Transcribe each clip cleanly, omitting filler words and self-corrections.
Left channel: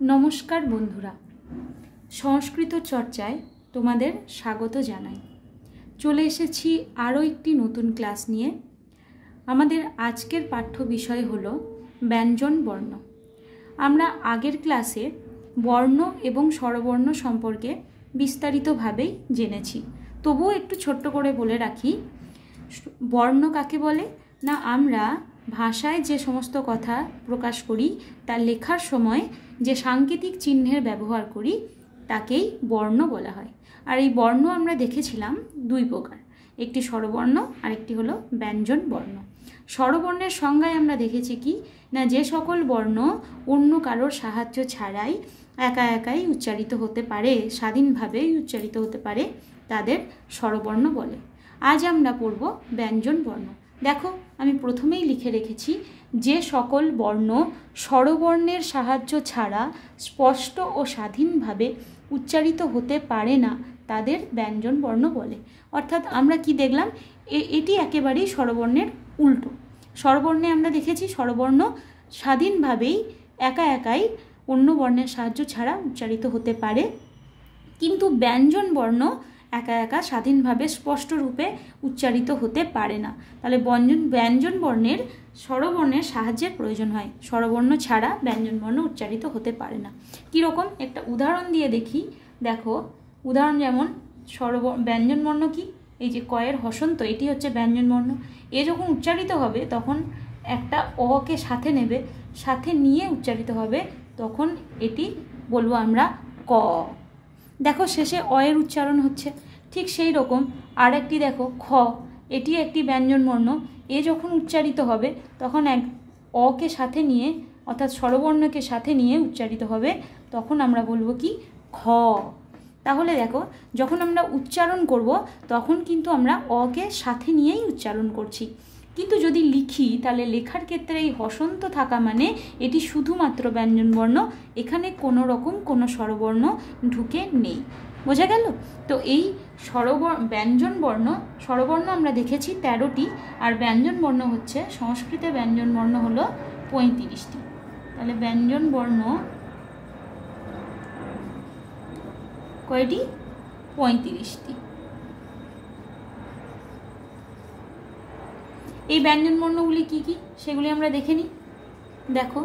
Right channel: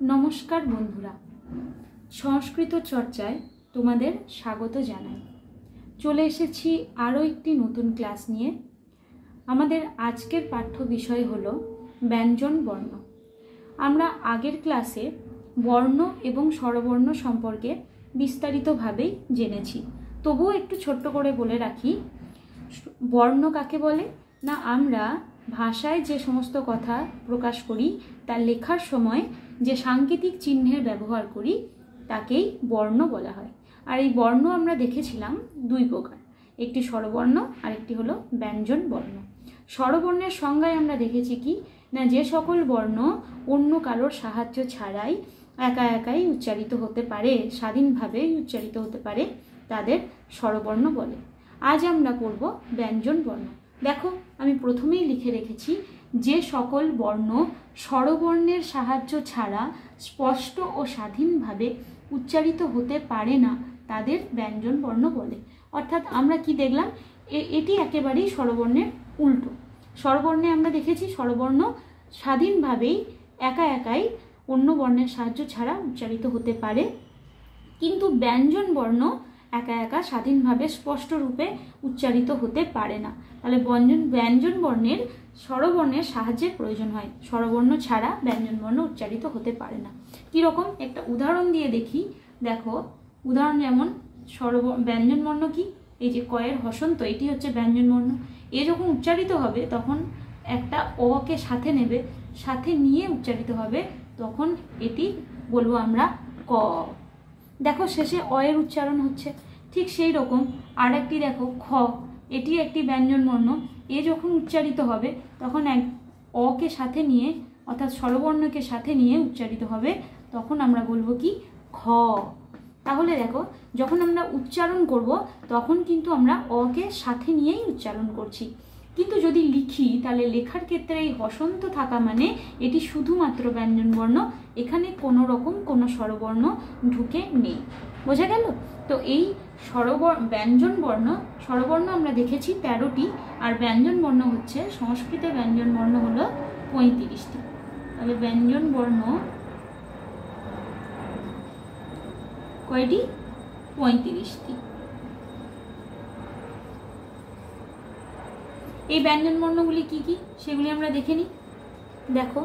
नमस्कार बंधुरा संस्कृत चर्चाय तुम्हादेर स्वागत जानाई। चले एसेछि आरो एकटी नतून क्लास निये। आमादेर आजकेर पाठ्य विषय हलो व्यंजन वर्ण। आमरा आगेर क्लासे वर्ण एबं स्वरवर्ण सम्पर्के विस्तारितभावेई जेनेछि, तबुओ एकटु छोट्ट करे बोले राखी वर्ण काके बोले ना आमरा भाषाय जे समस्त कथा प्रकाश करी ता लेखार समय जे सांकेतिक चिह्नेर व्यवहार करी ताकेई वर्ण बला हय। आर एई वर्ण आमरा देखेछिलाम दुई प्रकार, एकटी स्वरवर्ण और एकटी हलो व्यंजन वर्ण। स्वरवर्णेर संज्ञाय आमरा देखेछि कि ना जे सकल वर्ण अन्य कारोर साहाज्य छाड़ाई एका एकाई उच्चारित होते पारे, स्वाधीनभावेई उच्चारित होते पारे, तादेर स्वरवर्ण बले। आज आमरा पढ़ब व्यंजन वर्ण। देखो आमी प्रथमेई लिखे रेखेछि जे सकल वर्ण स्वरवर्णेर साहाज्य छाड़ा स्पष्ट और स्वाधीनभावे उच्चारित होते पारे ना तादेर व्यंजन वर्ण बले। अर्थात आमरा कि देखलाम एटी एकेबारेई स्वरवर्णेर उल्टो। स्वरवर्णे आमरा देखेछि स्वरवर्ण स्वाधीनभावेई एका एकाई अन्य वर्णेर साहाज्य छाड़ा उच्चारित होते पारे, किन्तु व्यंजन वर्ण एका एका स्वाधीनभावे स्पष्ट रूपे उच्चारित होते पारे ना। ताहले व्यंजन वर्णेर स्वरवर्णेर साहाज्येर प्रयोजन हय, स्वरवर्ण छाड़ा व्यंजन वर्ण उच्चारित होते पारे ना। कि रकम एकटा उदाहरण दिए देखी। देखो उदाहरण जेमन व्यंजन वर्ण कि এই যে কয়ের হসন্ত, এটি হচ্ছে ব্যঞ্জন বর্ণ। এ যখন উচ্চারিত হবে তখন একটা অ কে সাথে নেবে, সাথে নিয়ে উচ্চারিত হবে, তখন এটি বলবো আমরা ক। দেখো শেষে অ এর উচ্চারণ হচ্ছে। ঠিক সেই রকম আরেকটি দেখো খ, এটি একটি ব্যঞ্জন বর্ণ। এ যখন উচ্চারিত হবে তখন এক অ কে সাথে নিয়ে অর্থাৎ স্বরবর্ণকে সাথে নিয়ে উচ্চারিত হবে, তখন আমরা বলবো কি খ। তাহলে দেখো যখন আমরা উচ্চারণ করব তখন কিন্তু আমরা অ কে সাথে নিয়েই উচ্চারণ করছি, কিন্তু যদি লিখি তাহলে লেখার ক্ষেত্রে এই হসন্ত থাকা মানে এটি শুধুমাত্র ব্যঞ্জন বর্ণ, এখানে কোনো রকম কোনো স্বরবর্ণ ঢুকে নেই। বোঝা গেল? তো এই ব্যঞ্জন বর্ণ স্বরবর্ণ আমরা দেখেছি 13টি, আর ব্যঞ্জন বর্ণ হচ্ছে সংস্কৃতে ব্যঞ্জন বর্ণ হলো 35টি। তাহলে ব্যঞ্জন বর্ণ কয়টি? 35টি। এই ব্যঞ্জন বর্ণগুলি কি কি সেগুলি আমরা দেখে নিই। দেখো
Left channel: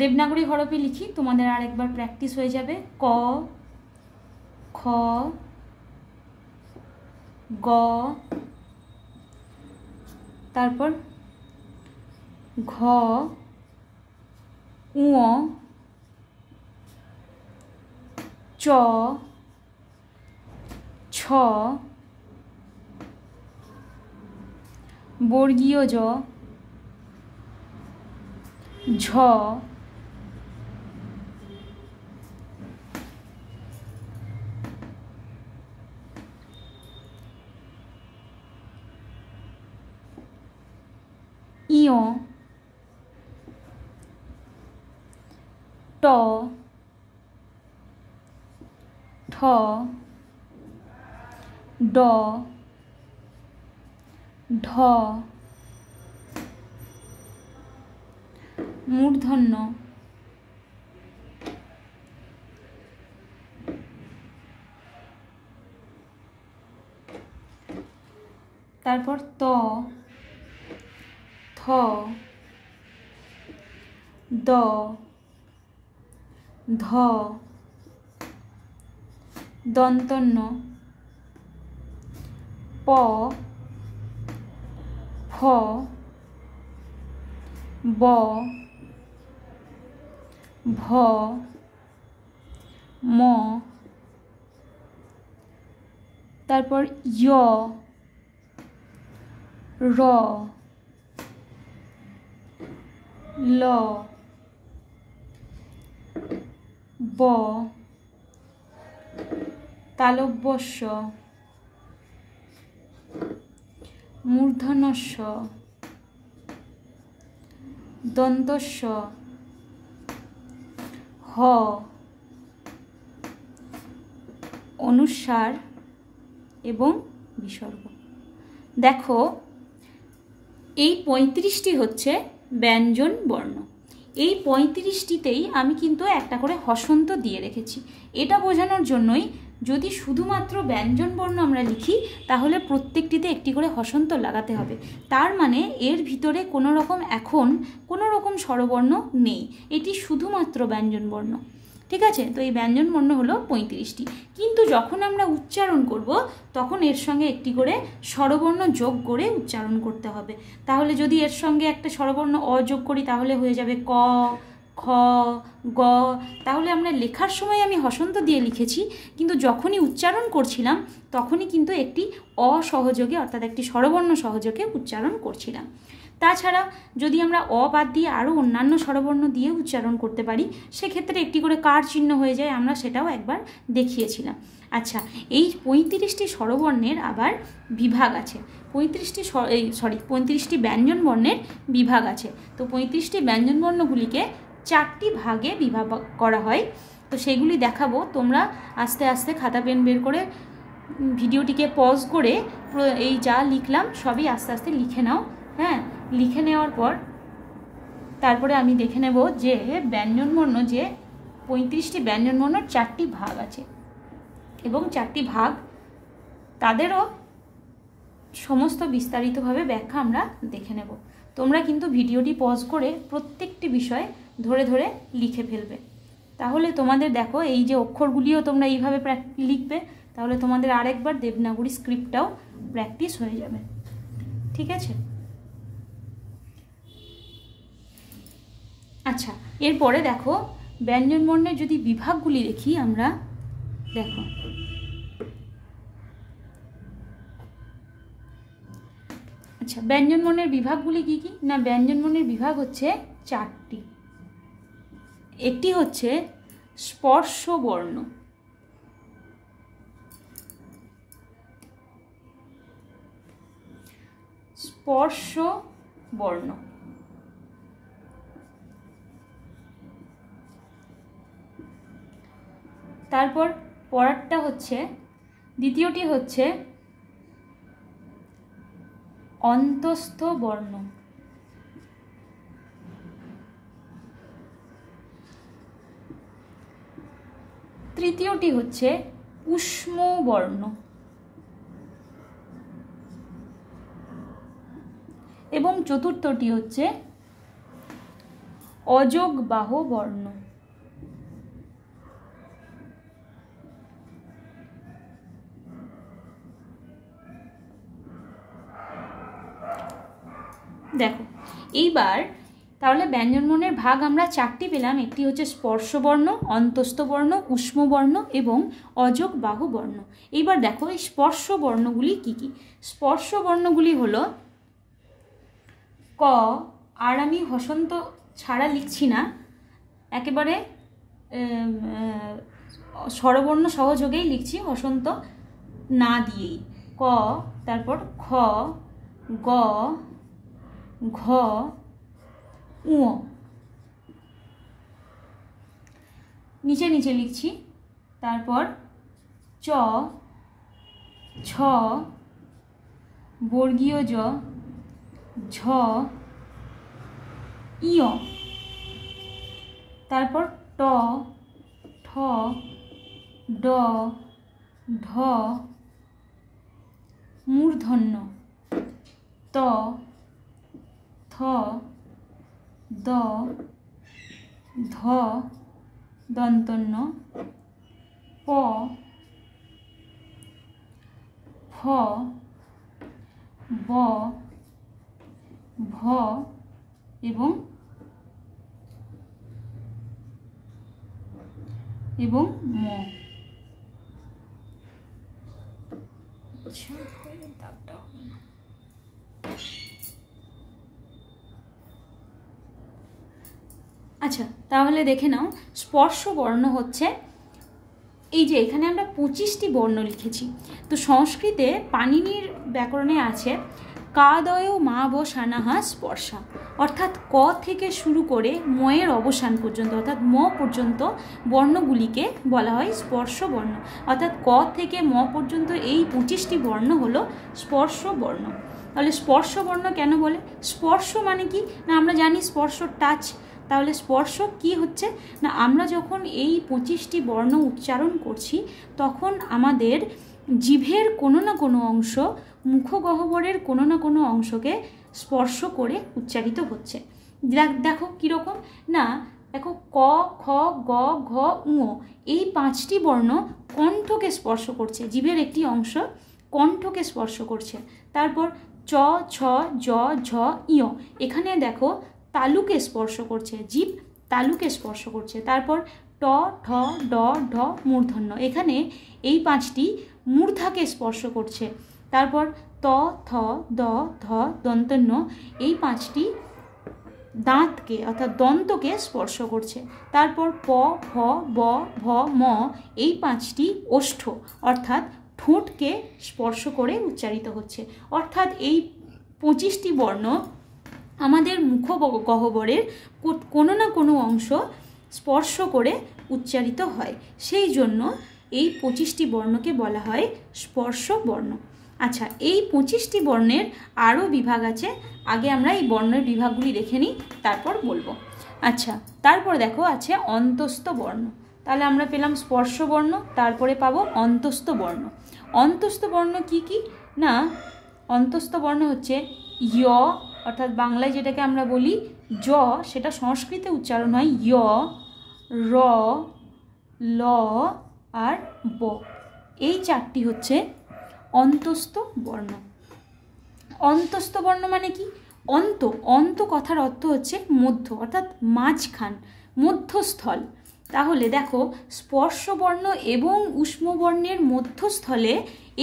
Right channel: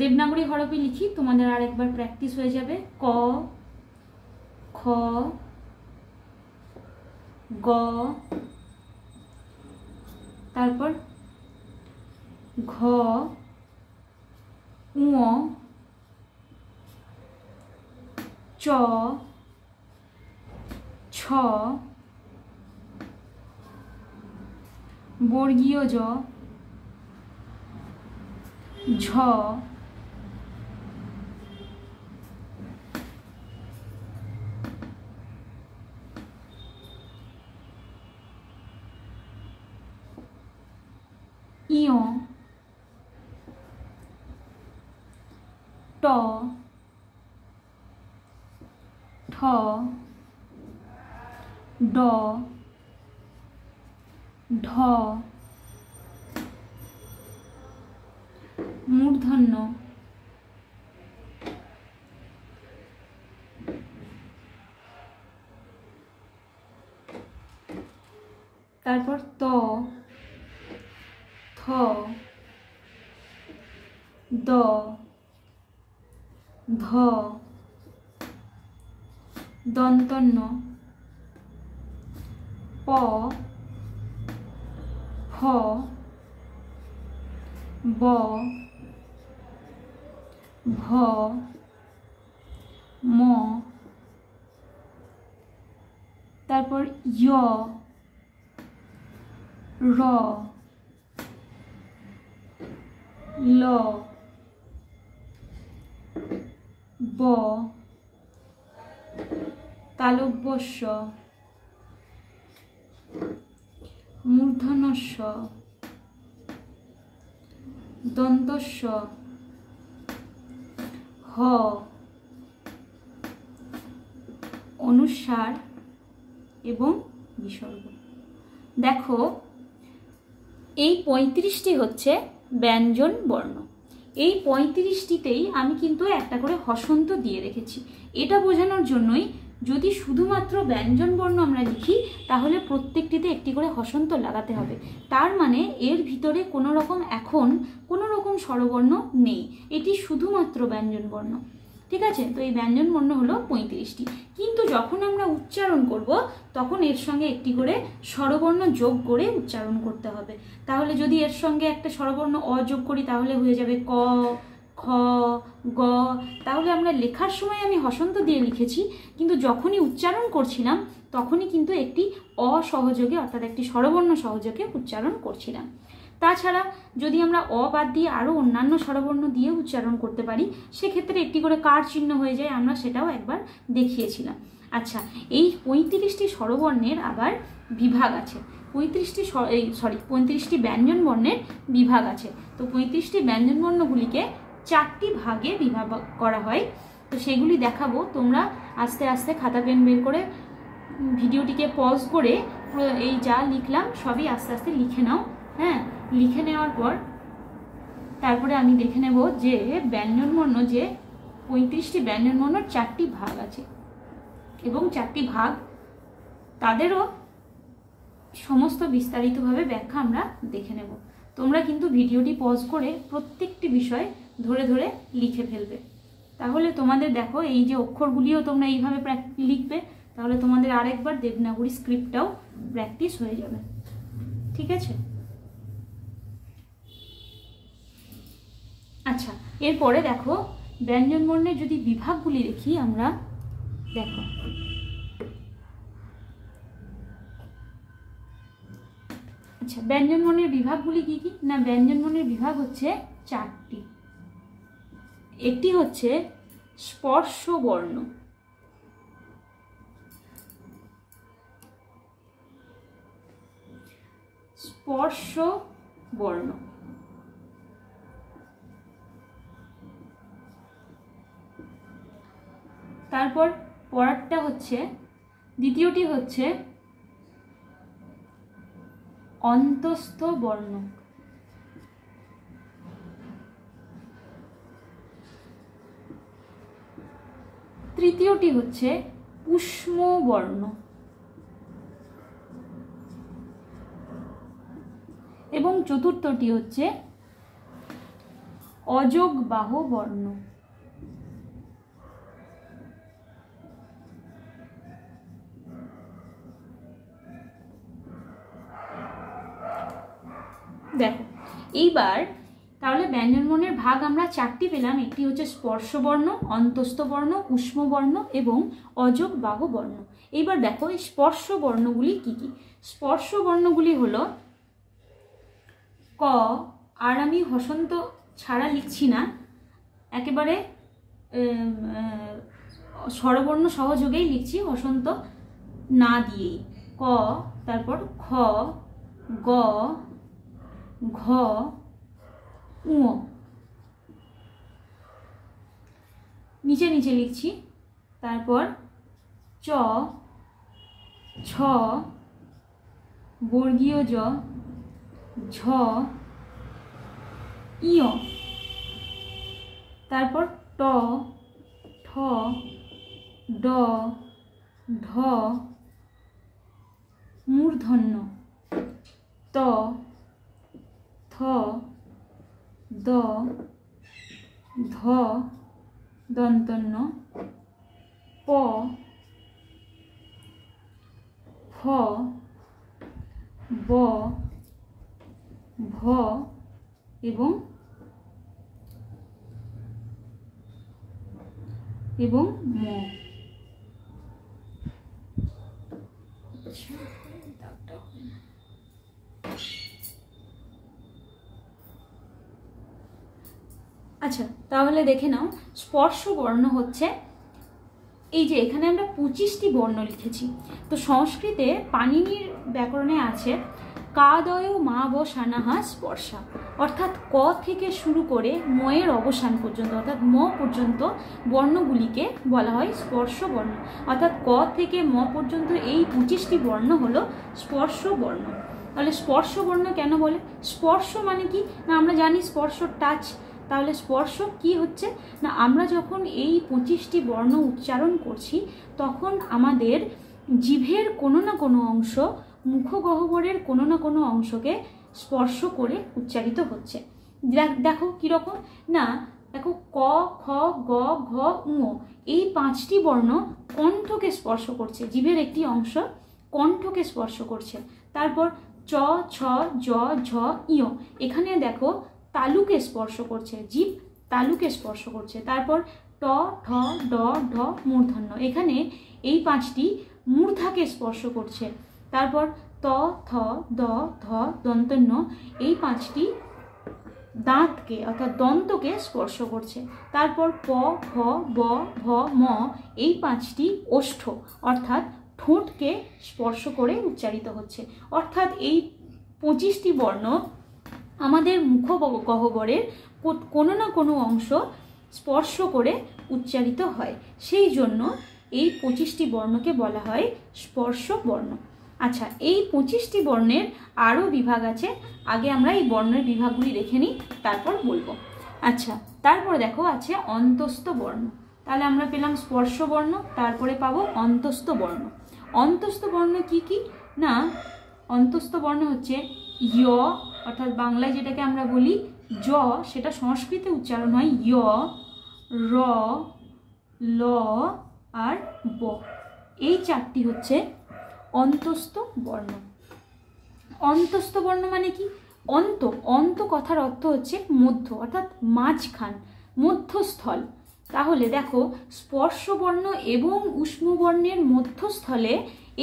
দেবনাগরী হরফে লিখি, তোমাদের আরেকবার প্র্যাকটিস হয়ে যাবে। ক, খ, গ, তারপর ঘ, উ, চ, ছ, বর্গীয় জ, ঝ, ইয়, ট, ঠ, ড, ঢ, মূর্ধন্য, তারপর ত, থ, দ, ধ, দন্তন্য, প, ফ, ব, ভ, ম, তারপর য়, র, ল, ব, তালব্যস্য, মূর্ধন্যস্য, দন্তস্য, হ, অনুস্বার এবং বিসর্গ। দেখো এই 35টি হচ্ছে ব্যঞ্জন বর্ণ। এই 35টিতেই আমি কিন্তু একটা করে হসন্ত দিয়ে রেখেছি। এটা বোঝানোর জন্যই যদি শুধুমাত্র ব্যঞ্জন বর্ণ আমরা লিখি তাহলে প্রত্যেকটিতে একটি করে হসন্ত লাগাতে হবে। তার মানে এর ভিতরে কোনো রকম স্বরবর্ণ নেই, এটি শুধুমাত্র ব্যঞ্জন বর্ণ। ঠিক আছে, তো এই ব্যঞ্জন বর্ণ হলো 35টি। কিন্তু যখন আমরা উচ্চারণ করব তখন এর সঙ্গে একটি করে স্বরবর্ণ যোগ করে উচ্চারণ করতে হবে। তাহলে যদি এর সঙ্গে একটা স্বরবর্ণ অ যোগ করি তাহলে হয়ে যাবে ক, খ, গ। তাহলে আমরা লেখার সময় আমি হসন্ত দিয়ে লিখেছি, কিন্তু যখনই উচ্চারণ করছিলাম তখনই কিন্তু একটি অসহযোগে অর্থাৎ একটি স্বরবর্ণ সহযোগে উচ্চারণ করছিলাম। তাছাড়া যদি আমরা অ বাদ দিয়ে আরও অন্যান্য স্বরবর্ণ দিয়ে উচ্চারণ করতে পারি সেক্ষেত্রে একটি করে কার চিহ্ন হয়ে যায়, আমরা সেটাও একবার দেখিয়েছিলাম। আচ্ছা, এই 35টি স্বরবর্ণের আবার বিভাগ আছে। 35টি ব্যঞ্জন বর্ণের বিভাগ আছে। তো 35টি ব্যঞ্জন বর্ণগুলিকে 4টি ভাগে বিভাগ করা হয়। তো সেগুলি দেখাবো। তোমরা আস্তে আস্তে খাতা পেন বের করে ভিডিওটিকে পজ করে এই যা লিখলাম সবই আস্তে আস্তে লিখে নাও। হ্যাঁ, লিখে নেওয়ার পর তারপরে আমি দেখে নেব যে ব্যঞ্জনবর্ণ, যে 35টি ব্যঞ্জনবর্ণের 4টি ভাগ আছে এবং 4টি ভাগ তাদেরও সমস্ত বিস্তারিতভাবে ব্যাখ্যা আমরা দেখে নেব। তোমরা কিন্তু ভিডিওটি পজ করে প্রত্যেকটি বিষয় ধরে ধরে লিখে ফেলবে। তাহলে তোমাদের দেখো এই যে অক্ষরগুলিও তোমরা এইভাবে লিখবে, তাহলে তোমাদের আরেকবার দেবনাগরী স্ক্রিপ্টটাও প্র্যাকটিস হয়ে যাবে। ঠিক আছে, আচ্ছা এরপরে দেখো ব্যঞ্জন বর্ণের যদি বিভাগগুলি দেখি আমরা, দেখো আচ্ছা ব্যঞ্জন বর্ণের বিভাগগুলি কি কি না, ব্যঞ্জন বর্ণের বিভাগ হচ্ছে 4টি। একটি হচ্ছে স্পর্শ বর্ণ, স্পর্শ বর্ণ। তারপর পরেরটা হচ্ছে, দ্বিতীয়টি হচ্ছে অন্তস্থ বর্ণ। তৃতীয়টি হচ্ছে উষ্ম বর্ণ এবং চতুর্থটি হচ্ছে অযোগবাহ বর্ণ। দেখো এইবার তাহলে ব্যঞ্জনবর্ণের ভাগ আমরা 4টি পেলাম। একটি হচ্ছে স্পর্শবর্ণ, অন্তস্থ বর্ণ, উষ্ম বর্ণ এবং অযোগবাহ বর্ণ। এইবার দেখো এই স্পর্শ বর্ণগুলি কি কি। স্পর্শ বর্ণগুলি হলো ক, আর আমি হসন্ত ছাড়া লিখছি না, একেবারে স্বরবর্ণ সহযোগেই লিখছি, হসন্ত না দিয়েই। ক, তারপর খ, গ, ঘ, উ, নিচে নিচে লিখছি। তারপর চ, ছ, বর্গীয় জ, ঝ, ইয়। তারপর ট, ঠ, ড, ঢ, মূর্ধন্য, ত, থ, দ, ধ, দন্তন্য, প, ফ, ব, ভ এবং ম। আচ্ছা তাহলে দেখে নাও, স্পর্শ বর্ণ হচ্ছে এই যে এখানে আমরা 25টি বর্ণ লিখেছি। তো সংস্কৃতে পাণিনির ব্যাকরণে আছে কাদয় মা বসানাহা স্পর্শা, অর্থাৎ ক থেকে শুরু করে ময়ের অবসান পর্যন্ত অর্থাৎ ম পর্যন্ত বর্ণগুলিকে বলা হয় স্পর্শ বর্ণ। অর্থাৎ ক থেকে ম পর্যন্ত এই 25টি বর্ণ হলো স্পর্শ বর্ণ। তাহলে স্পর্শ বর্ণ কেন বলে? স্পর্শ মানে কি না, আমরা জানি স্পর্শ টাচ। তাহলে স্পর্শ কি হচ্ছে না, আমরা যখন এই 25টি বর্ণ উচ্চারণ করছি তখন আমাদের জিভের কোনো না কোনো অংশ, মুখগহ্বরের কোনো না কোনো অংশকে স্পর্শ করে উচ্চারিত হচ্ছে। দেখো কীরকম না, দেখো ক, খ, গ, ঘ, ঙ এই 5টি বর্ণ কণ্ঠকে স্পর্শ করছে, জিভের একটি অংশ কণ্ঠকে স্পর্শ করছে। তারপর চ, ছ, জ, ঝ, ইয় এখানে দেখো তালুকে স্পর্শ করছে, জিভ তালুকে স্পর্শ করছে। তারপর ট, ঠ, ড, ঢ মূর্ধন্য, এখানে এই 5টি মূর্ধাকে স্পর্শ করছে। তারপর ত, থ, দ, ধ দন্তন্য এই 5টি দাঁতকে অর্থাৎ দন্তকে স্পর্শ করছে। তারপর প, ফ, ব, ভ, ম এই 5টি ওষ্ঠ অর্থাৎ ঠোঁটকে স্পর্শ করে উচ্চারিত হচ্ছে। অর্থাৎ এই 25টি বর্ণ আমাদের মুখগহ্বরের কোনো না কোনো অংশ স্পর্শ করে উচ্চারিত হয়, সেই জন্য এই 25টি বর্ণকে বলা হয় স্পর্শ বর্ণ। আচ্ছা, এই 25টি বর্ণের আরও বিভাগ আছে, আগে আমরা এই বর্ণের বিভাগগুলি দেখে নিই, তারপর বলবো। আচ্ছা, তারপর দেখো আছে অন্তস্থ বর্ণ। তাহলে আমরা পেলাম স্পর্শ বর্ণ, তারপরে পাবো অন্তস্থ বর্ণ। অন্তস্থ বর্ণ কি কি না, অন্তস্থ বর্ণ হচ্ছে য় অর্থাৎ বাংলায় যেটাকে আমরা বলি জ, সেটা সংস্কৃতে উচ্চারণ হয় য়, র, ল আর ব। এই 4টি হচ্ছে অন্তস্থ বর্ণ। অন্তস্থ বর্ণ মানে কি? অন্ত, অন্ত কথার অর্থ হচ্ছে মধ্য অর্থাৎ মাঝখান, মধ্যস্থল। তাহলে দেখো স্পর্শ বর্ণ এবং উষ্ম বর্ণের মধ্যস্থলে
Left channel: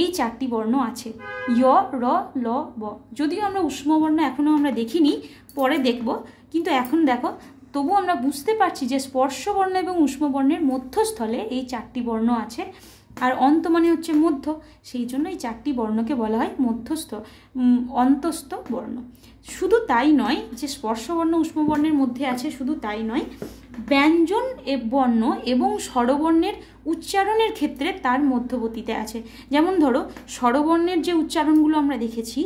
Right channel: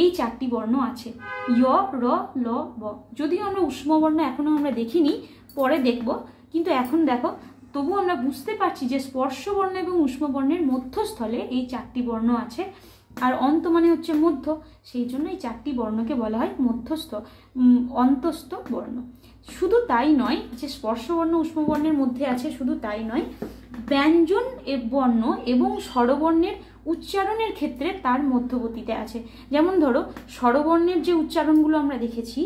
এই 4টি বর্ণ আছে, য়, র, ল, ব। যদিও আমরা উষ্ম বর্ণ এখনো আমরা দেখিনি, পরে দেখব, কিন্তু এখন দেখো তবু আমরা বুঝতে পারছি যে স্পর্শ বর্ণ এবং উষ্ম বর্ণের মধ্যস্থলে এই 4টি বর্ণ আছে। আর অন্ত মানে হচ্ছে মধ্য, সেই জন্য এই 4টি বর্ণকে বলা হয় মধ্যস্থ অন্তস্থ বর্ণ। শুধু তাই নয় যে স্পর্শ বর্ণ উষ্ম বর্ণের মধ্যে আছে, শুধু তাই নয়, ব্যঞ্জন বর্ণ এবং স্বরবর্ণের উচ্চারণের ক্ষেত্রে তার মধ্যবর্তীতে আছে। যেমন ধরো স্বরবর্ণের যে উচ্চারণগুলো আমরা দেখেছি,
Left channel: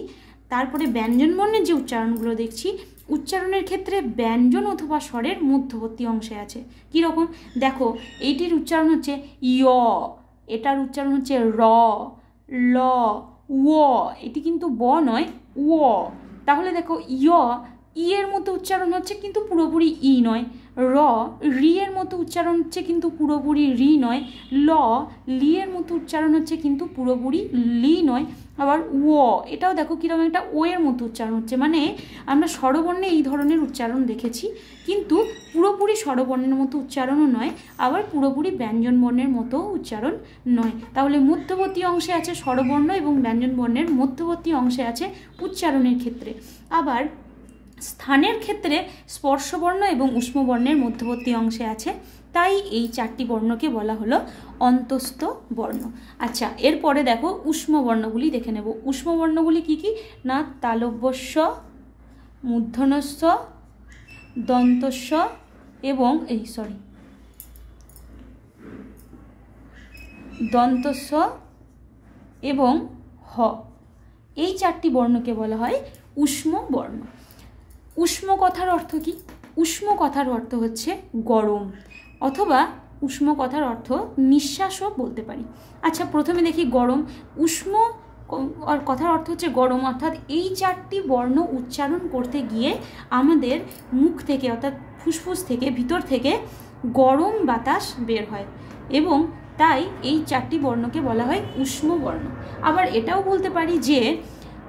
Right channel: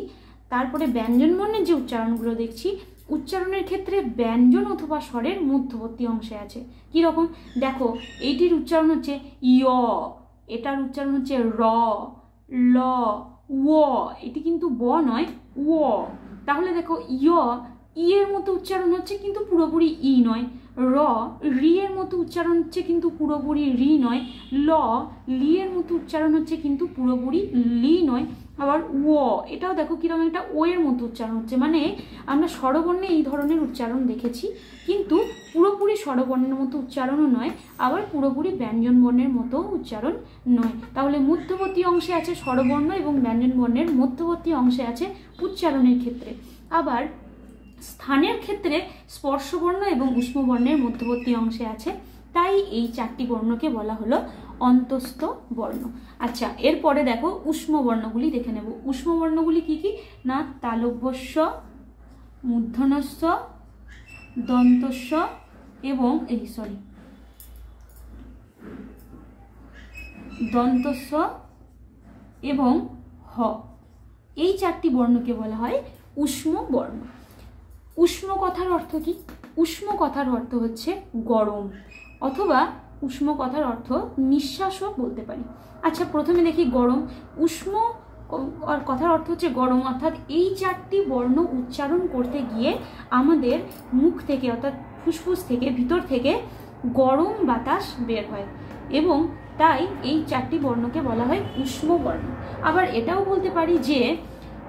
তারপরে ব্যঞ্জন বর্ণের যে উচ্চারণগুলো দেখছি, উচ্চারণের ক্ষেত্রে ব্যঞ্জন অথবা স্বরের মধ্যবর্তী অংশে আছে। কীরকম দেখো, এইটির উচ্চারণ হচ্ছে ইয়, এটার উচ্চারণ হচ্ছে র, ল, ও, এটি কিন্তু ব নয়, ও। তাহলে দেখো ইয়, ই এর মতো উচ্চারণ হচ্ছে কিন্তু পুরোপুরি ই নয়, র, রি এর মতো উচ্চারণ হচ্ছে কিন্তু পুরোপুরি রি নয়, ল, লি এর মতো উচ্চারণ হচ্ছে কিন্তু পুরোপুরি লি নয়, আবার ও, এটাও দেখো কিরকম একটা ও এর মতো উচ্চারণ হচ্ছে। মানে আমরা স্বরবর্ণে এই ধরনের উচ্চারণ দেখেছি, কিন্তু পুরোপুরি স্বরবর্ণের মতো উচ্চারণও নয়, আবার পুরোপুরি ব্যঞ্জন বর্ণের মতো উচ্চারণ নয়। তাহলে মধ্যবর্তী অংশে আছে স্বরবর্ণ এবং ব্যঞ্জন বর্ণের মধ্যবর্তী অংশে আছে উচ্চারণের ক্ষেত্রে। আবার স্থানের ক্ষেত্রে স্পর্শবর্ণ এবং উষ্ম বর্ণের মধ্যবর্তী অংশে আছে, তাই এই 4টি বর্ণকে বলা হলো অন্তস্থ বর্ণ। আচ্ছা, এরপরে দেখো উষ্ম বর্ণগুলি দেখে নেব। উষ্ম বর্ণগুলি কি কি না, তালব্যস্ব, মূর্ধন্যস্ব, দন্তস্ব এবং দন্তস্ব এবং হ। এই 4টি বর্ণকে বলা হয় উষ্ম বর্ণ। উষ্ম কথার অর্থ কি? উষ্ম কথার অর্থ হচ্ছে গরম, অথবা উষ্ম কথার অর্থ নিঃশ্বাসও বলতে পারি। আচ্ছা, প্রথমে দেখি গরম। উষ্ম কথার অর্থ হচ্ছে গরম, অর্থাৎ এই 4টি বর্ণ উচ্চারণ করতে গিয়ে আমাদের মুখ থেকে অর্থাৎ ফুসফুস থেকে ভিতর থেকে গরম বাতাস বের হয়, এবং তাই এই 4টি বর্ণকে বলা হয় উষ্ম বর্ণ। আবার এটাও বলতে পারি যে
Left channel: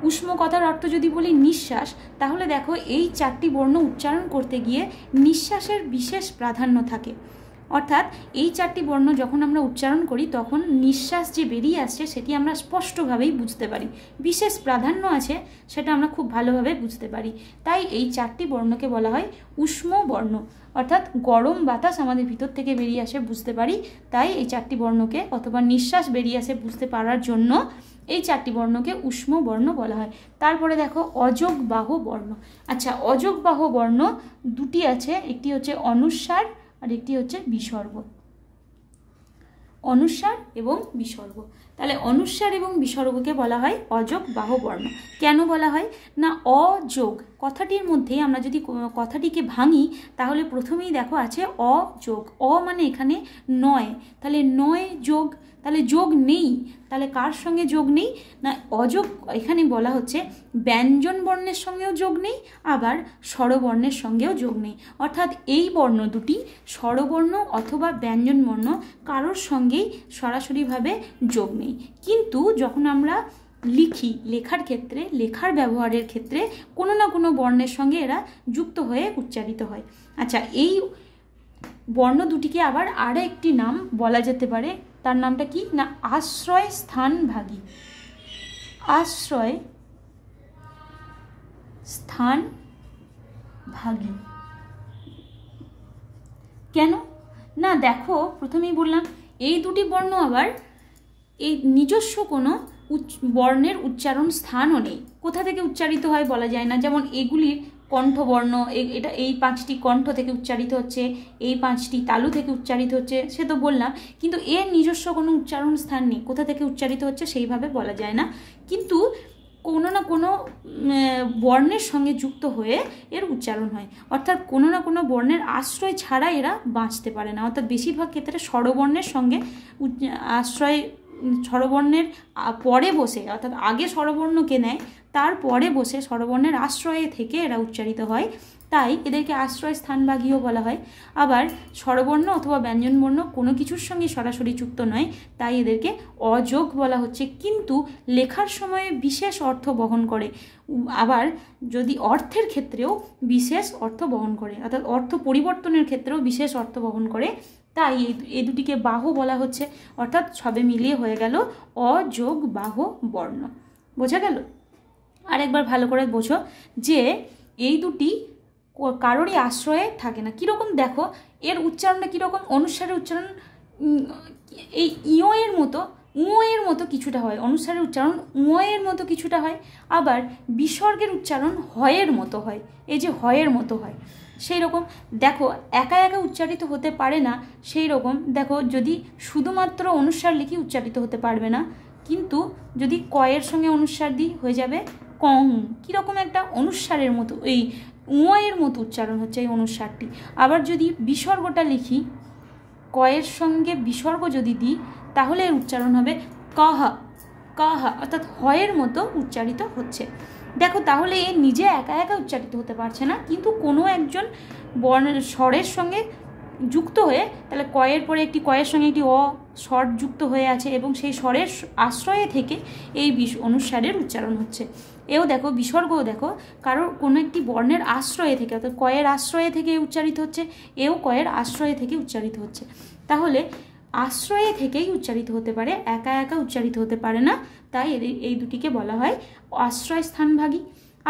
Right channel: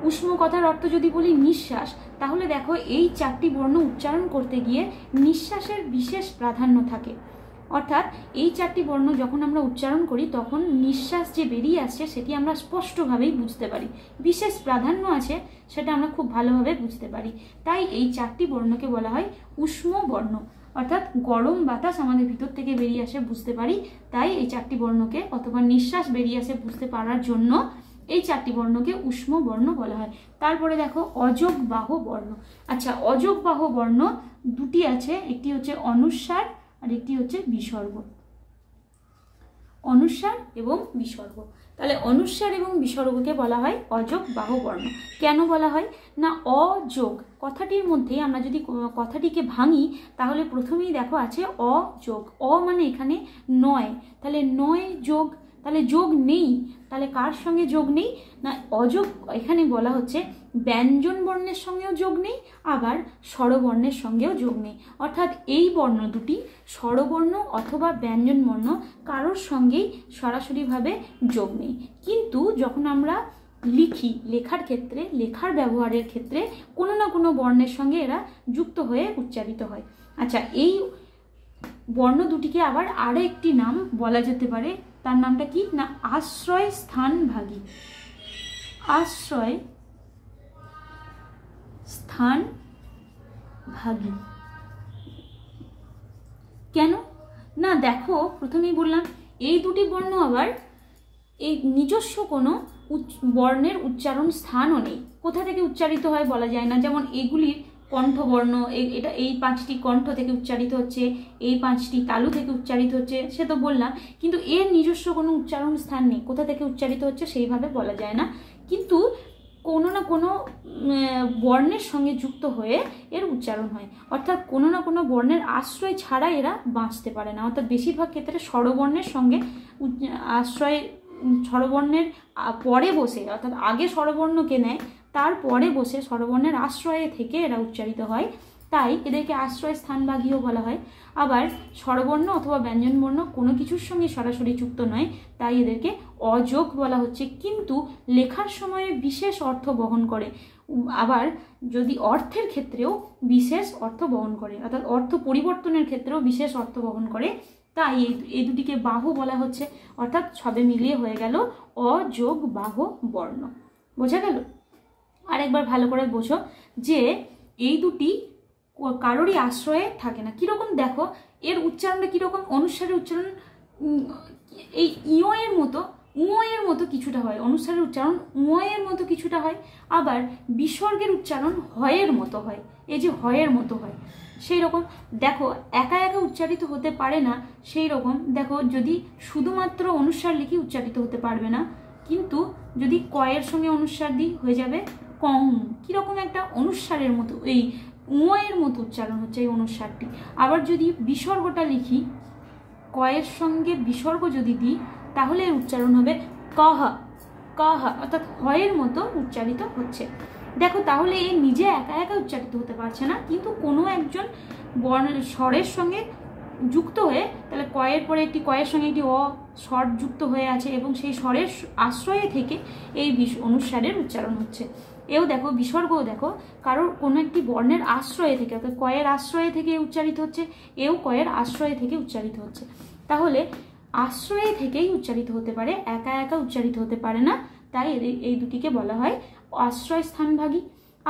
উষ্ম কথার অর্থ যদি বলি নিঃশ্বাস, তাহলে দেখো এই 4টি বর্ণ উচ্চারণ করতে গিয়ে নিঃশ্বাসের বিশেষ প্রাধান্য থাকে। অর্থাৎ এই 4টি বর্ণ যখন আমরা উচ্চারণ করি তখন নিঃশ্বাস যে বেরিয়ে আসছে সেটি আমরা স্পষ্টভাবেই বুঝতে পারি, বিশেষ প্রাধান্য আছে সেটা আমরা খুব ভালোভাবে বুঝতে পারি। তাই এই 4টি বর্ণকে বলা হয় উষ্ম বর্ণ, অর্থাৎ গরম বাতাস আমাদের ভিতর থেকে বেরিয়ে আসে বুঝতে পারি, তাই এই 4টি বর্ণকে অথবা নিঃশ্বাস বেরিয়ে আসে বুঝতে পারার জন্য এই 4টি বর্ণকে উষ্ম বর্ণ বলা হয়। তারপরে দেখো অযোগ বাহ বর্ণ। আচ্ছা, অযোগ বাহ বর্ণ দুটি আছে, একটি হচ্ছে অনুস্বার আর একটি হচ্ছে বিসর্গ। অনুস্বার এবং বিসর্গ। তাহলে অনুস্বার এবং বিসর্গকে বলা হয় অযোগ বাহ বর্ণ। কেন বলা হয় না, অযোগ কথাটির মধ্যে আমরা যদি কথাটিকে ভাঙি তাহলে প্রথমেই দেখো আছে অযোগ। অ মানে এখানে নয়, তাহলে নয় যোগ, তাহলে যোগ নেই। তাহলে কার সঙ্গে যোগ নেই না, অযোগ এখানে বলা হচ্ছে ব্যঞ্জন বর্ণের সঙ্গেও যোগ নেই, আবার স্বরবর্ণের সঙ্গেও যোগ নেই। অর্থাৎ এই বর্ণ দুটি স্বরবর্ণ অথবা ব্যঞ্জন বর্ণ কারোর সঙ্গেই সরাসরিভাবে যোগ নেই। কিন্তু যখন আমরা লিখি, লেখার ক্ষেত্রে, লেখার ব্যবহারের ক্ষেত্রে কোনো না কোনো বর্ণের সঙ্গে এরা যুক্ত হয়ে উচ্চারিত হয়। আচ্ছা, এই বর্ণ দুটিকে আবার আরও একটি নাম বলা যেতে পারে, তার নামটা কি না আশ্রয় স্থানভাগী। আশ্রয় স্থানভাগী। কেন না, দেখো প্রথমেই বললাম এই দুটি বর্ণ আবার এই নিজস্ব কোনো বর্ণের উচ্চারণ স্থানও নেই। কোথা থেকে উচ্চারিত হয় বলা যায় না। যেমন এগুলির কণ্ঠবর্ণ, এটা এই 5টি কণ্ঠ থেকে উচ্চারিত হচ্ছে, এই 5টি তালু থেকে উচ্চারিত হচ্ছে, সে তো বললাম, কিন্তু এর নিজস্ব কোনো উচ্চারণ স্থান নেই। কোথা থেকে উচ্চারিত হচ্ছে সেইভাবে বলা যায় না, কিন্তু কোনো না কোনো বর্ণের সঙ্গে যুক্ত হয়ে এর উচ্চারণ হয়। অর্থাৎ কোনো না কোনো বর্ণের আশ্রয় ছাড়া এরা বাঁচতে পারে না। অর্থাৎ বেশিরভাগ ক্ষেত্রে স্বরবর্ণের সঙ্গে আশ্রয়, স্বরবর্ণের পরে বসে, অর্থাৎ আগে স্বরবর্ণকে নেয়, তারপরে বসে স্বরবর্ণের আশ্রয়ে থেকে এরা উচ্চারিত হয়, তাই এদেরকে আশ্রয় স্থানভাগীও বলা হয়। আবার স্বরবর্ণ অথবা ব্যঞ্জনবর্ণ কোনো কিছুর সঙ্গে সরাসরি যুক্ত নয়, তাই এদেরকে অযোগ বলা হচ্ছে। কিন্তু লেখার সময়ে বিশেষ অর্থ বহন করে, আবার যদি অর্থের ক্ষেত্রেও বিশেষ অর্থ বহন করে, অর্থাৎ অর্থ পরিবর্তনের ক্ষেত্রেও বিশেষ অর্থ বহন করে, তাই এই দুটিকে বাহু বলা হচ্ছে। অর্থাৎ সবে মিলিয়ে হয়ে গেল অযোগ বাহ বর্ণ। বোঝা গেল? আরেকবার ভালো করে বোঝো যে এই দুটি কারোরই আশ্রয়ে থাকে না। কীরকম দেখো, এর উচ্চারণটা কীরকম, অনুস্বারের উচ্চারণ এই ইয় এর মতো, এর মতো কিছুটা হয়, অনুস্বারের উচ্চারণ এর মতো কিছুটা হয়, আবার বিসর্গের উচ্চারণ হয়ের মতো হয়, এই যে হয়ের মতো হয় সেই রকম। দেখো একা একা উচ্চারিত হতে পারে না, সেই রকম দেখো যদি শুধুমাত্র অনুস্বার লিখি উচ্চারিত হতে পারবে না, কিন্তু যদি কয়ের সঙ্গে অনুস্বার দিই হয়ে যাবে কং। কীরকম একটা অনুস্বারের মতো, এই এর মতো উচ্চারণ হচ্ছে এই অনুস্বারটি। আবার যদি বিসর্গটা লিখি, কয়ের সঙ্গে বিসর্গ যদি দিই তাহলে এর উচ্চারণ হবে কাহা, কাহা, অর্থাৎ হয়ের মতো উচ্চারিত হচ্ছে। দেখো তাহলে এ নিজে একা একা উচ্চারিত হতে পারছে না, কিন্তু কোনো একজন বর্ণের স্বরের সঙ্গে যুক্ত হয়ে, তাহলে কয়ের পরে একটি কয়ের সঙ্গে একটি স্বর যুক্ত হয়ে আছে এবং সেই স্বরের আশ্রয়ে থেকে এই অনুস্বারের উচ্চারণ হচ্ছে। এও দেখো বিসর্গও দেখো কারোর কোনো একটি বর্ণের আশ্রয়ে থেকে, অর্থাৎ কয়ের আশ্রয়ে থেকে উচ্চারিত হচ্ছে, এও কয়ের আশ্রয়ে থেকে উচ্চারিত হচ্ছে। তাহলে আশ্রয়ে থেকেই উচ্চারিত হতে পারে, একা একা উচ্চারিত হতে পারে না, তাই এই দুটিকে বলা হয় আশ্রয় স্থানভাগী।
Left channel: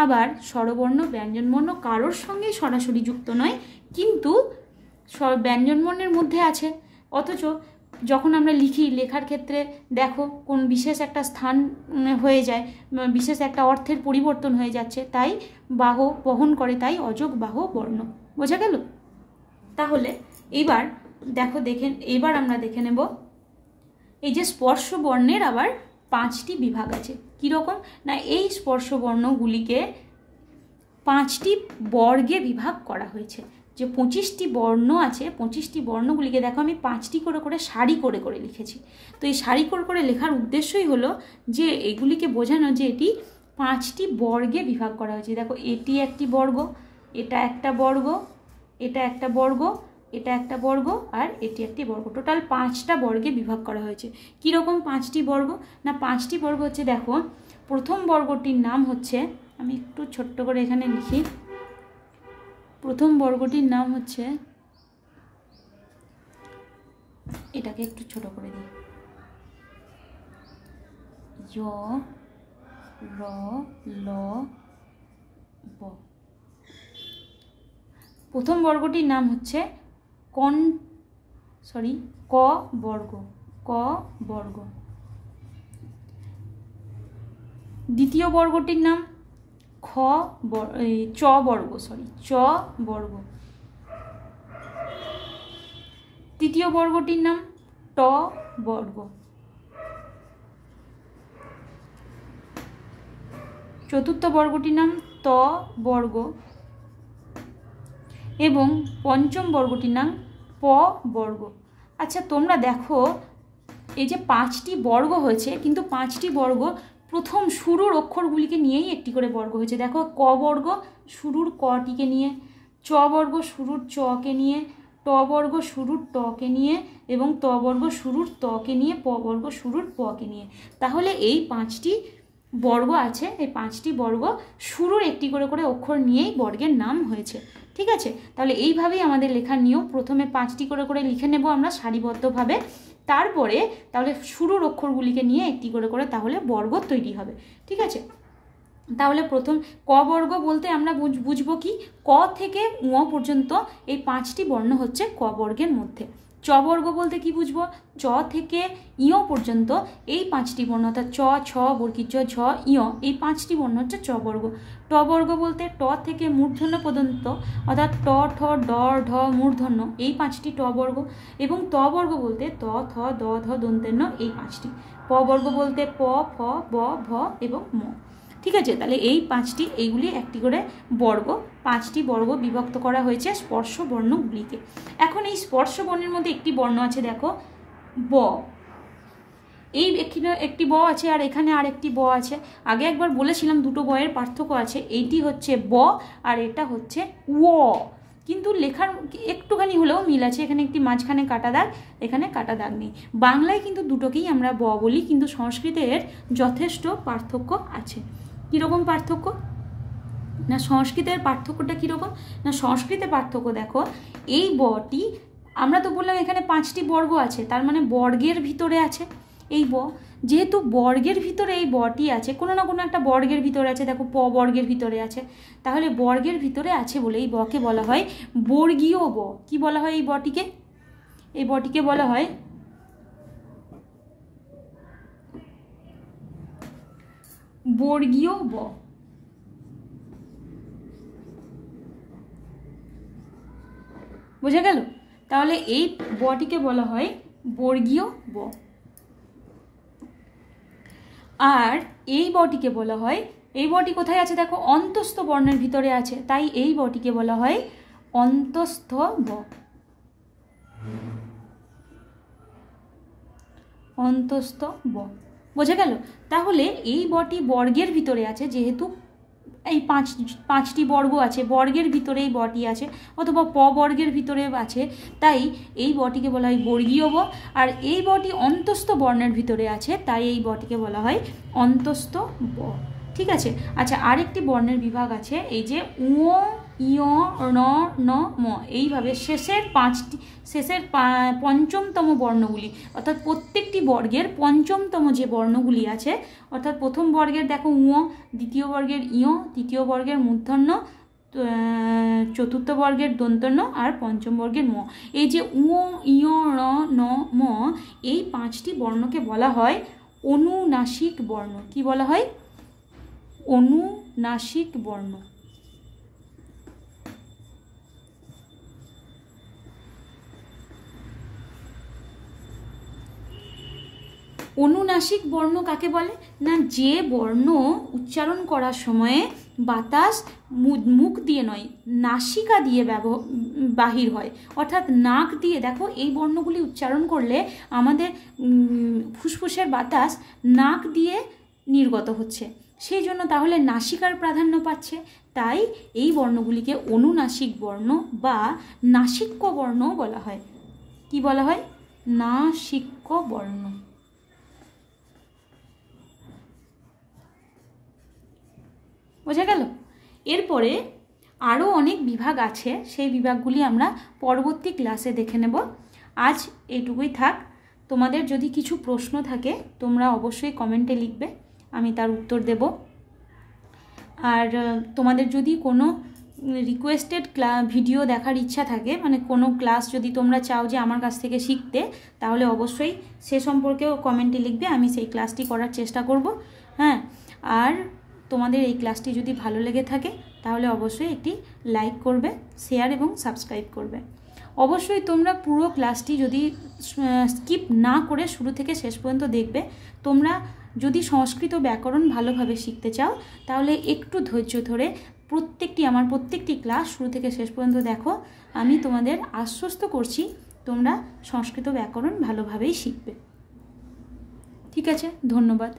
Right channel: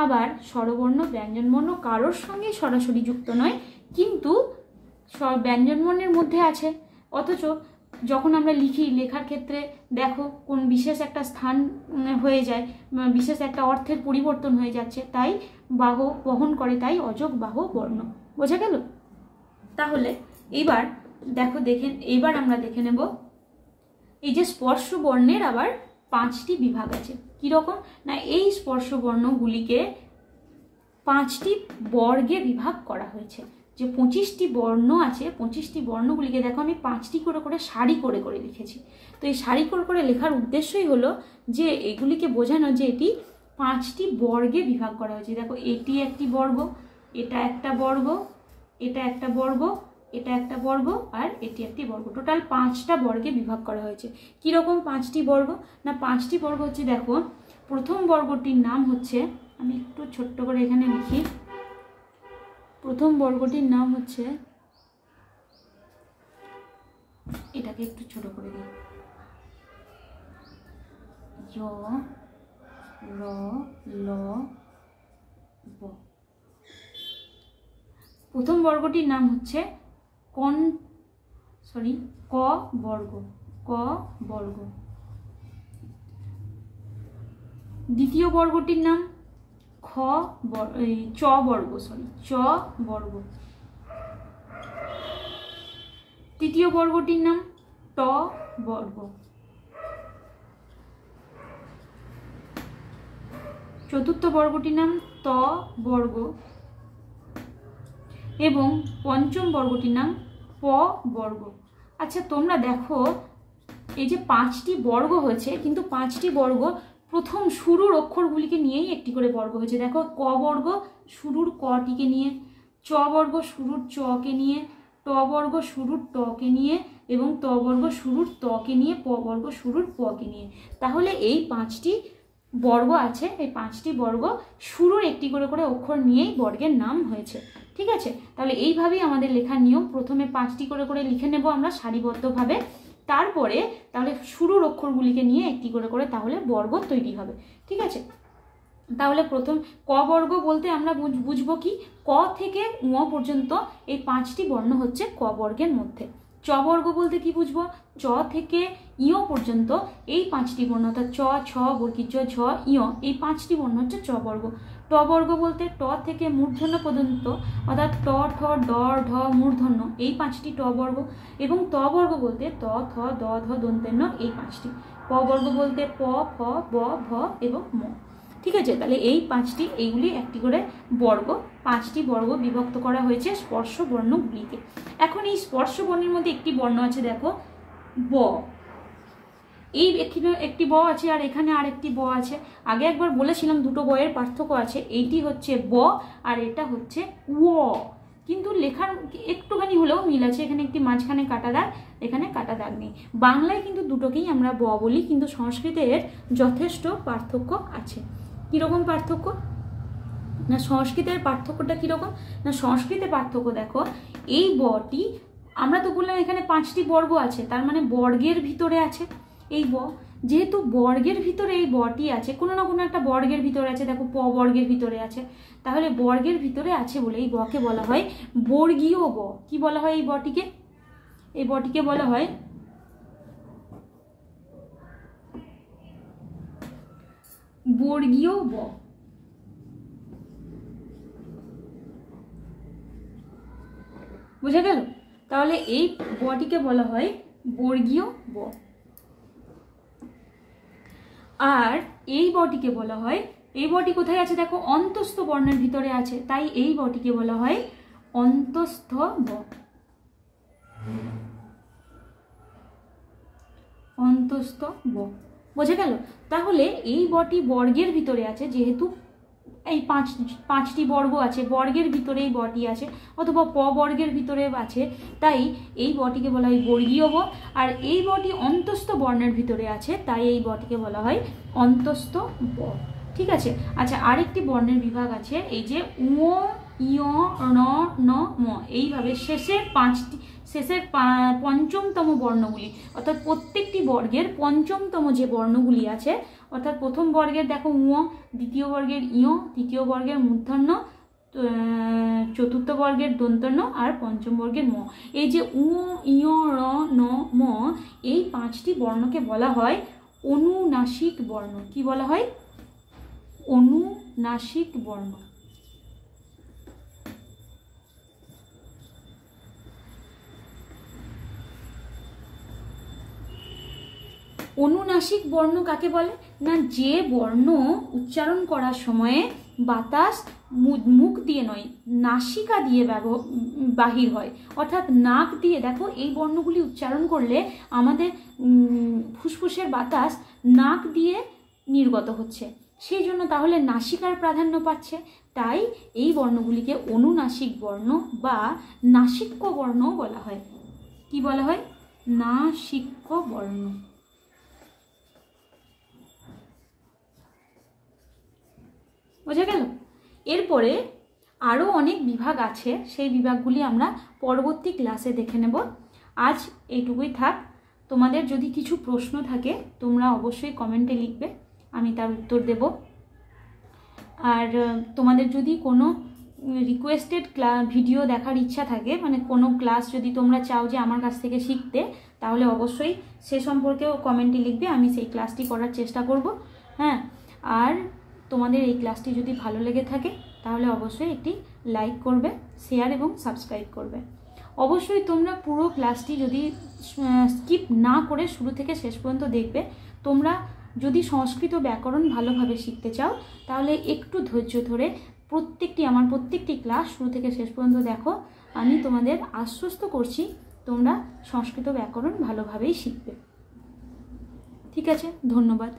আবার স্বরবর্ণ ব্যঞ্জনবর্ণ কারোর সঙ্গেই সরাসরি যুক্ত নয়, কিন্তু ব্যঞ্জনবর্ণের মধ্যে আছে, অথচ যখন আমরা লিখি, লেখার ক্ষেত্রে দেখো কোন বিশেষ একটা স্থান হয়ে যায়, বিশেষ একটা অর্থের পরিবর্তন হয়ে যাচ্ছে, তাই বাহ বহন করে, তাই অযোগ বাহ বর্ণ। বোঝা গেল? তাহলে এইবার দেখো এইবার আমরা দেখে নেব এই যে স্পর্শ বর্ণের আবার 5টি বিভাগ আছে। কীরকম না, এই স্পর্শ বর্ণগুলিকে 5টি বর্গে বিভাগ করা হয়েছে। যে 25টি বর্ণ আছে, 25টি বর্ণগুলিকে দেখো আমি 5টি করে করে সারি করে করে লিখেছি। তো এই সারি করে করে লেখার উদ্দেশ্যই হলো যে এগুলিকে বোঝানো যে এটি 5টি বর্গে বিভাগ করা হয়েছে। দেখো এটি একটি বর্গ, এটা একটা বর্গ, এটা একটা বর্গ, এটা একটা বর্গ, আর এটি একটি বর্গ। টোটাল 5টা বর্গে বিভাগ করা হয়েছে। কীরকম 5টি বর্গ না, 5টি বর্গ হচ্ছে, দেখো প্রথম বর্গটির নাম হচ্ছে, আমি একটু ছোট্ট করে এখানে লিখি, প্রথম বর্গটির নাম হচ্ছে, এটাকে একটু ছোট করে দিই, য র ল ব। প্রথম বর্গটির নাম হচ্ছে ক বর্গ, ক বর্গ। দ্বিতীয় বর্গটির নাম চ বর্গ, চ বর্গ। তৃতীয় বর্গটির নাম ট বর্গ। চতুর্থ বর্গটির নাম ত বর্গ এবং পঞ্চম বর্গটির নাম প বর্গ। আচ্ছা তোমরা দেখো এই যে 5টি বর্গ হয়েছে, কিন্তু 5টি বর্গ প্রথম শুরুর অক্ষরগুলিকে নিয়েই একটি করে বর্গ হয়েছে। দেখো ক বর্গ শুরুর কটিকে নিয়ে, চ বর্গ শুরুর চকে নিয়ে, ট বর্গ শুরুর টকে নিয়ে এবং ত বর্গ শুরুর তকে নিয়ে, প বর্গ শুরুর পকে নিয়ে। তাহলে এই 5টি বর্গ আছে, এই 5টি বর্গ শুরুর একটি করে করে অক্ষর নিয়েই বর্গের নাম হয়েছে। ঠিক আছে, তাহলে এইভাবেই আমাদের লেখার নিয়ম। প্রথমে 5টি করে করে লিখে নেব আমরা সারিবদ্ধভাবে, তারপরে তাহলে শুরুর অক্ষরগুলিকে নিয়ে একটি করে করে তাহলে বর্গ তৈরি হবে। ঠিক আছে, তাহলে প্রথম ক বর্গ বলতে আমরা বুঝবো কি, ক থেকে ঙ পর্যন্ত এই 5টি বর্ণ হচ্ছে ক বর্গের মধ্যে। চ বর্গ বলতে কি বুঝবো, চ থেকে ইয় পর্যন্ত এই 5টি বর্ণ, অর্থাৎ চ, ছ, বর্গীয় ঝ, ইয়, এই 5টি বর্ণ হচ্ছে চ বর্গ। ট বর্গ বলতে ট থেকে মূর্ধন্য পর্যন্ত, অর্থাৎ ট, ঠ, ড, ঢ, মূর্ধন্য, এই 5টি ট বর্গ। এবং ত বর্গ বলতে ত, থ, দ, ধ, দন্তেন্ন, এই 5টি। প বর্গ বলতে প, ফ, ব, ভ এবং ম। ঠিক আছে, তাহলে এই 5টি, এইগুলি একটি করে বর্গ, 5টি বর্গ বিভক্ত করা হয়েছে স্পর্শ বর্ণগুলিকে। এখন এই স্পর্শ বর্ণের মধ্যে একটি বর্ণ আছে, দেখো ব। এই একটি ব আছে আর এখানে আরেকটি ব আছে। আগে একবার বলেছিলাম দুটো বয়ের পার্থক্য আছে, এইটি হচ্ছে ব আর এটা হচ্ছে ও, কিন্তু লেখার একটুখানি হলেও মিল আছে। এখানে একটি মাঝখানে কাটা দাগ, এখানে কাটা দাগ নেই। বাংলায় কিন্তু দুটোকেই আমরা ব বলি, কিন্তু সংস্কৃতে এর যথেষ্ট পার্থক্য আছে। কীরকম পার্থক্য না, সংস্কৃতের পার্থক্যটা কীরকম না, সংস্কৃতের পার্থক্য দেখো, এই বটি, আমরা তো বললাম এখানে 5টি বর্গ আছে, তার মানে বর্গের ভিতরে আছে এই ব। যেহেতু বর্গের ভিতরে এই বটি আছে, কোনো না কোনো একটা বর্গের ভিতরে আছে, দেখো প বর্গের ভিতরে আছে, তাহলে বর্গের ভিতরে আছে বলে এই বকে বলা হয় বর্গীয় ব। কি বলা হয় এই বটিকে? এই বটিকে বলা হয় বর্গীয় ব। বুঝে গেল? তাহলে এই বটিকে বলা হয় বর্গীয় ব। আর এই বটিকে বলা হয়, এই বটি কোথায় আছে দেখো, অন্তস্থ বর্ণের ভিতরে আছে, তাই এই বটিকে বলা হয় অন্তস্থ ব। অন্তস্থ ব, বুঝে গেল? তাহলে এই বটি বর্গের ভিতরে আছে, যেহেতু এই 5টি বর্গ আছে, বর্গের ভিতরে এই বটি আছে, অথবা প বর্গের ভিতরে আছে, তাই এই বটিকে বলা হয় বর্গীয় ব। আর এই বটি অন্তস্থ বর্ণের ভিতরে আছে, তাই এই বটিকে বলা হয় অন্তস্থ ব। ঠিক আছে, আচ্ছা আরেকটি বর্ণের বিভাগ আছে, এই যে উ, ইয়, ণ, ন, ম, এইভাবে শেষের 5ম বর্ণগুলি, অর্থাৎ প্রত্যেকটি বর্গের 5ম যে বর্ণগুলি আছে, অর্থাৎ প্রথম বর্গের দেখো উ, দ্বিতীয় বর্গের ইয়, তৃতীয় বর্গের মূর্ধন্য, চতুর্থ বর্গের দন্তন্য আর 5ম বর্গের ম। এই যে উ, ইয়, ণ, ন, ম, এই 5টি বর্ণকে বলা হয় অনুনাসিক বর্ণ। কি বলা হয়? অনুনাসিক বর্ণ। অনুনাসিক বর্ণ কাকে বলে না, যে বর্ণ উচ্চারণ করার সময়ে বাতাস মুখ দিয়ে নয়, নাসিকা দিয়ে বাহির হয়, অর্থাৎ নাক দিয়ে। দেখো এই বর্ণগুলি উচ্চারণ করলে আমাদের ফুসফুসের বাতাস নাক দিয়ে নির্গত হচ্ছে, সেই জন্য তাহলে নাসিকার প্রাধান্য পাচ্ছে, তাই এই বর্ণগুলিকে অনুনাসিক বর্ণ বা নাসিক্য বর্ণ বলা হয়। কি বলা হয়? নাসিক্য বর্ণ। বোঝা গেল? এরপরে আরও অনেক বিভাগ আছে, সেই বিভাগগুলি আমরা পরবর্তী ক্লাসে দেখে নেব। আজ এইটুকুই থাক। তোমাদের যদি কিছু প্রশ্ন থাকে তোমরা অবশ্যই কমেন্টে লিখবে, আমি তার উত্তর দেব। আর তোমাদের যদি কোনো রিকোয়েস্টেড ভিডিও দেখার ইচ্ছা থাকে, মানে কোনো ক্লাস যদি তোমরা চাও যে আমার কাছ থেকে শিখতে, তাহলে অবশ্যই সে সম্পর্কেও কমেন্টে লিখবে, আমি সেই ক্লাসটি করার চেষ্টা করব। হ্যাঁ, আর তোমাদের এই ক্লাসটি যদি ভালো লেগে থাকে তাহলে অবশ্যই একটি লাইক করবে, শেয়ার এবং সাবস্ক্রাইব করবে। অবশ্যই তোমরা পুরো ক্লাসটি যদি স্কিপ না করে শুরু থেকে শেষ পর্যন্ত দেখবে। তোমরা যদি সংস্কৃত ব্যাকরণ ভালোভাবে শিখতে চাও তাহলে একটু ধৈর্য ধরে আমার প্রত্যেকটি ক্লাস শুরু থেকে শেষ পর্যন্ত দেখো। আমি তোমাদের আশ্বস্ত করছি তোমরা সংস্কৃত ব্যাকরণ ভালোভাবেই শিখবে। ঠিক আছে, ধন্যবাদ।